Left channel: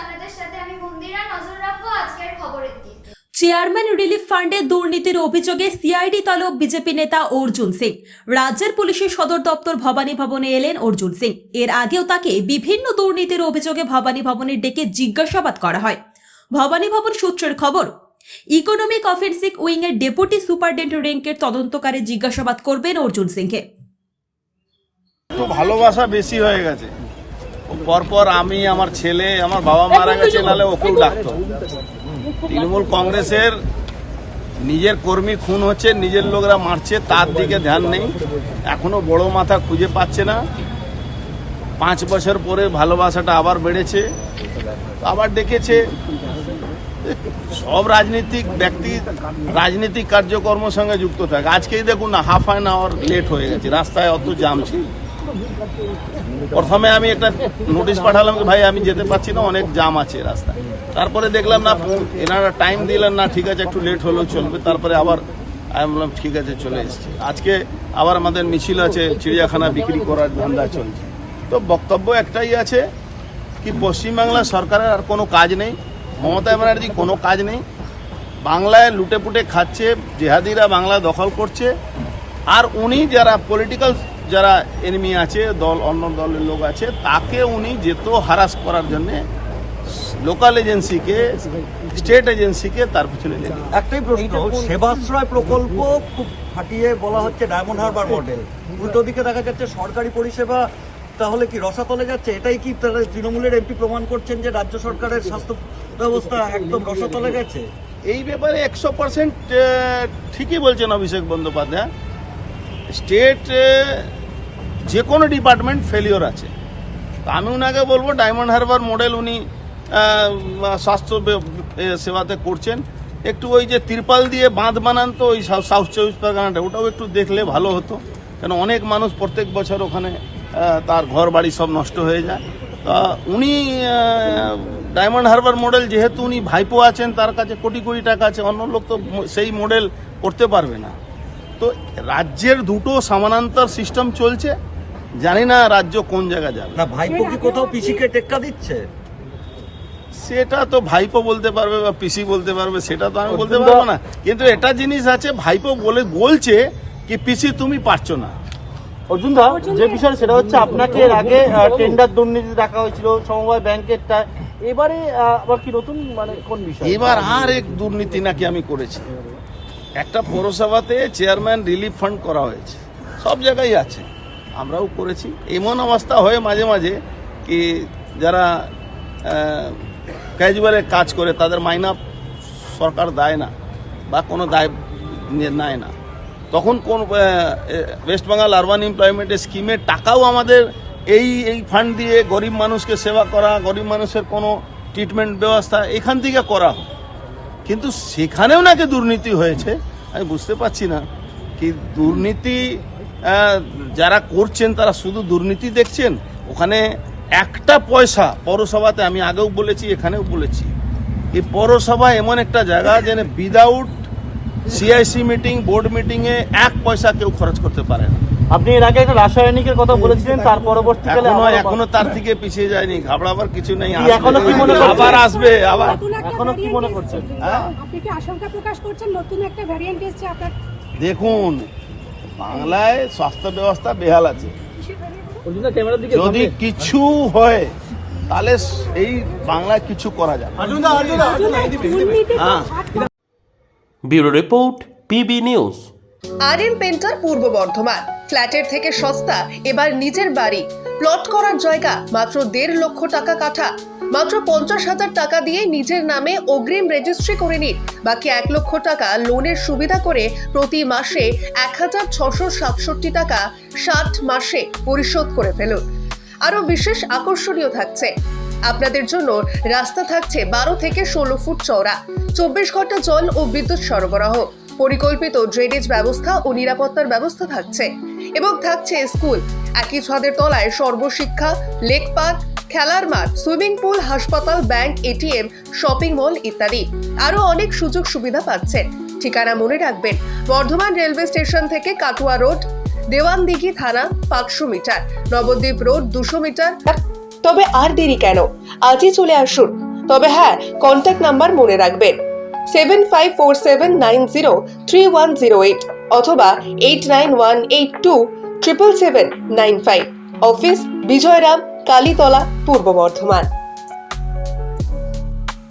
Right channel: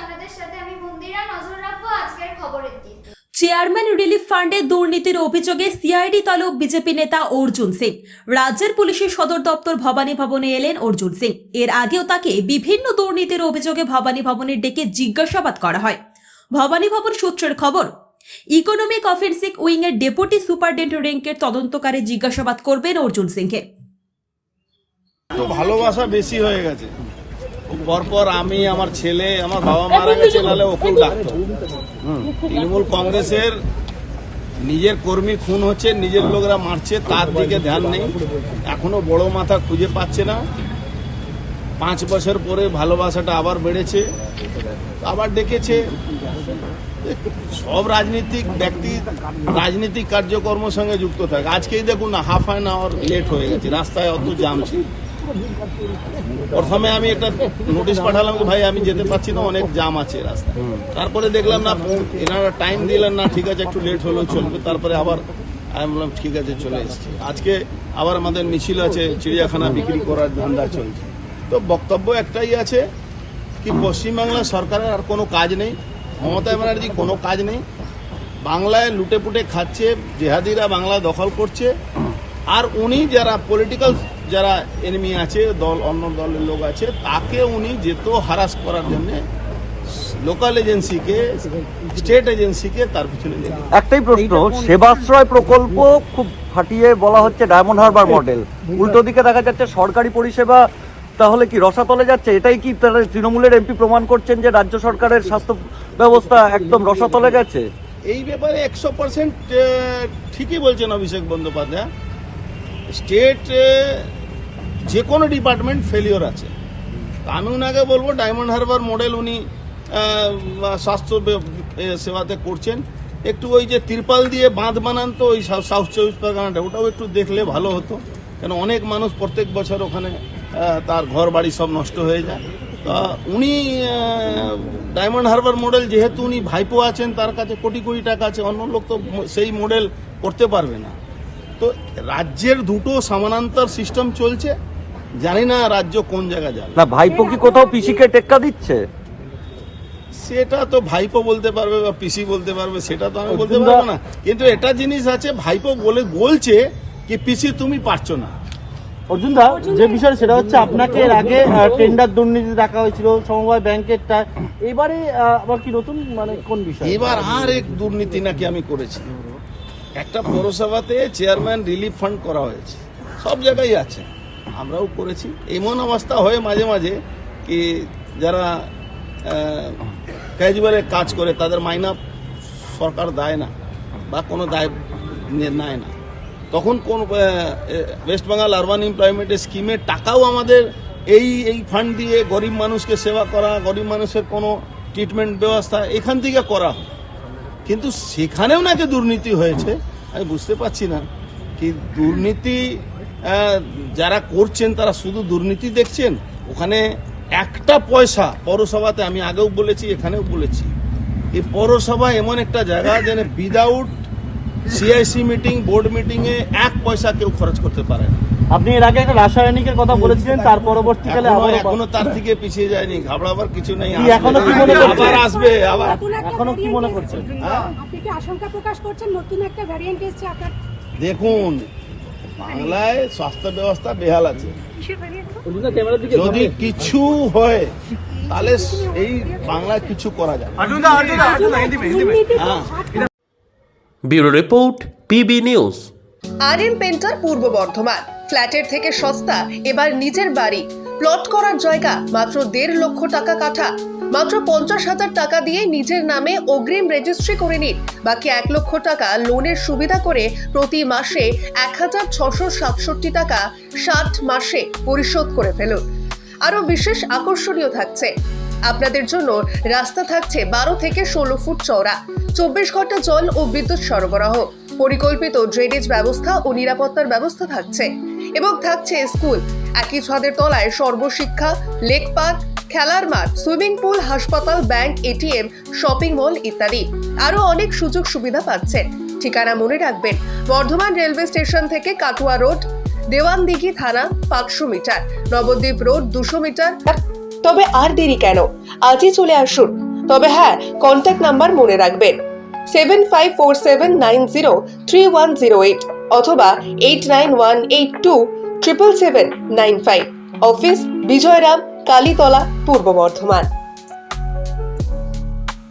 আপনাদের সাথে আমি মন্দিরা নজর রাখবো আজকের খবরের দিকে। চেয়ারম্যান রিলিফ ফান্ডে দুর্নীতির অভিযোগে সিআইডি তলব বিজেপি নেতা অর্জুন সিং। রাজ্যের পুলিশের সদর দপ্তর ভবানী ভবনে এলেন অর্জুন সিং। এর আগেও তাকে বিভিন্ন দুর্নীতির অভিযোগে ভবানী ভবনে ডেকে জিজ্ঞাসাবাদ করা হয়। ভবানী ভবন সূত্রের খবর, ইকোনমিক অফেন্সিভ উইং এর ডেপুটি সুপারিনটেন্ডেন্ট র্যাঙ্কের তদন্তকারী জিজ্ঞাসাবাদ করবেন অর্জুন সিংকে। তো ভালোবাসা বেশি হয়ে গেছে। পরপর আমি, আমার ছেলে, আমার বাবা মারা গেছে, নাহলে ওকেও ডাকতো। তৃণমূল কংগ্রেসের নিজের কর্মী খুন হচ্ছে, নিজের লোকরা মারছে, তার দিকে ধ্যান নেই। এখনো বড় মাথা খুঁজে পাচ্ছে না। 5 বছর পরে ভালোবাসাটা আবার বেড়েছে, আবার ডেকেছে। সব রাজনীতিক ব্যক্তি রাজনীতিক কার্যকর্মের সঙ্গে যুক্ত থাকে। আজকেই দেখুন না, হাফ অ্যান আওয়ার লেট হয়ে গেছে, রাস্তায় অত জাম ছিল। প্রথমে আমি একটা নোটিশ পাঠালাম যে ভাই আমি যেতে পারছি না, অনেক জাম আছে রাস্তায়। তারপরে দেখলাম না, এনারা টাইম দিলেন না, ঠিক আছে একটু লেট হলেও চলবে। তারপরে আবার আমি বললাম ঠিক আছে, চলে এসেছি। আজকে আবার আমাদের মিছিল আছে, চিড়িয়াখানা বিক্রি করার ধান্দা চলছে। তো বক্তব্য একটাই আছে কি, পশ্চিমবাংলা সরকারের আর কোনো কাজ নেই, মমতা ব্যানার্জি কোনো কাজ নেই। বাংলায় লুটে পুটে খাচ্ছে, জেহাদিরা বাংলা দখল করছে। আর উনি যারা পলিটিক্যাল যারা এনিমি আছে, অন্য দলের লোক আছে, তাকে উনি যেত হারাস করার জন্য লোকাল এজেন্সিকে, স্টেট এজেন্সিকে তার পিছনে লেগে। একটাই প্রশ্ন, সেবাশ্রয় প্রকল্প খুব ফাটিয়ে বলা হচ্ছে ডায়মন্ড হারবার মডেল, উল্টো দিকে দেখা যাচ্ছে সরকারি পরিষেবা তাহলে কি রসাতলে যাচ্ছে? এটাই কি তৃণমূলের এমপি প্রমাণ করছেন যে রাজ্য সরকারের স্বাস্থ্য ব্যবস্থা একদম রসাতলে গেছে? এই ব্যাপারে 100% ঠিকই বলছেন অভিষেক বন্দ্যোপাধ্যায়। স্টেট যে কোনো ডিপার্টমেন্ট ফেলিওর আছে। আমি ওনাকে বলবো ডায়মন্ড হারবার মডেল উনি স্বাস্থ্য সেবাতে করছেন। একটু ওই যে তিরপাল দিয়ে বাঁধ বানান তো ওই সাউথ 24 পরগনাটা, ওটাও একটু দেখলে ভালো হতো। কেন অনেক মানুষ প্রত্যেক বছর ওখানে তার ঘর বাড়ি সব নষ্ট হয়ে যায়। তা উনি ডায়মন্ড হারবার মডেল, যেহেতু উনি ভাইপো আছেন, তার কাছে কোটি কোটি টাকা আছে, অন্য লোক তো সেই মডেল করতে পারবে না। তো রাজ্যের দুটো সমানান্তর সিস্টেম চলছে, জানি না রাজ্য কোন জায়গায় যাবে। না ভাইপো কি কোথাও পিসিকে টেক্কা দিচ্ছে? সেটা তো ভাইপো বলতে পারবে বা পিসি বলতে পারবে, সেটা তো আমি বলতে পারবো না। কিন্তু এটা জিনিস আছে, ভাইপো বলছে কি পিসি তুমি পারছো না। অর্জুনদা, যে বিষয় সেটা হচ্ছে আপনাকে এর আগে টেন্ডার দুর্নীতি রাখা হয়েছিল সমবায় ব্যাংকেরটা, এবারে আবার কি নতুন মানে কোন বিষয়? এবার আর এক দুর্নীতি নাকি আমি করেছি। একটা পৌরসভাতে চেয়ারম্যান রিলিফ ফান্ড করা হয়েছে, সব জায়গায় আছে, আমরাও করেছি। এমন অবস্থা হয় মাঝে মাঝে কি যারা ক্যাজুয়ালে কাজ করে তাদের মাইনা সরকার দেয় না বা কোনো দায় নেয় না, তখন কোন ওয়েস্ট বেঙ্গল আরবান এমপ্লয়মেন্ট স্কিমের টাকাও আমাদের এই ফান্ড দিয়ে গরিব মানুষকে সেবা করা, গরিব মানুষের কোনো ট্রিটমেন্ট ব্যবস্থা এখান থেকে করা হয়। কিন্তু সেখানেও নাকি দুর্নীতি হয়েছে। আমি বুঝতে পারছি না কি দুর্নীতি যারা করছেন তারা শুধু দুর্নীতি দেখছেন। ওখানে একটা পয়সা পৌরসভাতে, আমি আগেও বলেছি এখানেও বলেছি, এই পৌরসভা এমন একটা জায়গা যেন উইদাউট সিআইসি মিটিং, বোর্ড মিটিংয়ে 1 পয়সা কেউ খরচ করতে পারে না। আপনি এর আগে একটা রাসায়নিকের কথা বলেছিলেন, তার পরবর্তীকালে এখনো তার থেকে পিছিয়ে যায়নি, ঘাবড়াবার কিছু নেই, এখনো কি মনে আবার আসবে। আবার এখনো কি মনে করছেন? আপনি কি আশঙ্কা প্রকাশ করছেন নতুন একটা ভ্যারিয়েন্ট এসেছে আপনার? দেখুন, বাংলায় স্বাস্থ্য ব্যবস্থা বেহাল আছে। যদি কিছু হয় তাহলে এই বাংলায় কিছু করা যাবে। হ্যাঁ। Bureau report, PB news. RM painter পূর্ব বর্ধমান। ফ্ল্যাটের থেকে সস্তা এবার নিজের বাড়ি। প্লট করার জায়গা মাত্র 1.5 লক্ষ টাকা কাঠা। মাত্র 50,000 টাকা দিয়ে নিজের নামে অগ্রিম রেজিস্ট্রি করে নিন। বাকি 1 লক্ষ টাকা লোনের সুবিধা করে প্রতি মাসে 1,667 টাকা 60 মাসে পরিশোধ করে ফেলুন। আরও বিশেষ আকর্ষণীয় থাকছে, আপনাদের জন্য রাস্তা থাকছে 12 থেকে 16 ফুট চওড়া, 24 ঘন্টা জল ও বিদ্যুৎ সরবরাহ, পরিকল্পিত ড্রেনেজ ব্যবস্থা ও নিরাপত্তার ব্যবস্থা থাকছে এবং থাকছে স্কুল। একই ছাদের তলায় সর্বশিক্ষা, লেক পার্ক, খেলার মাঠ, সুইমিং পুল, হাসপাতাল, ব্যাংক, এটিএম, শপিং মল ইত্যাদি আরো অনেক সুযোগ সুবিধা পাচ্ছেন। ঠিকানা মনে রাখবেন, বর্ধমান রেলওয়ে স্টেশন থেকে কাটুয়া রোড, দেওয়ানদিঘি থানা 500 মিটার, নবদ্বীপ রোড 200 মিটার। তবে আর দেরি কেন, আজই চলে আসুন তবে হ্যাঁ, কন্ট্যাক্ট নাম্বার মনে রাখবেন 7547903108 অথবা 8918277795। অফিস বিজয়রাম, কালীতলা, পূর্ব বর্ধমান।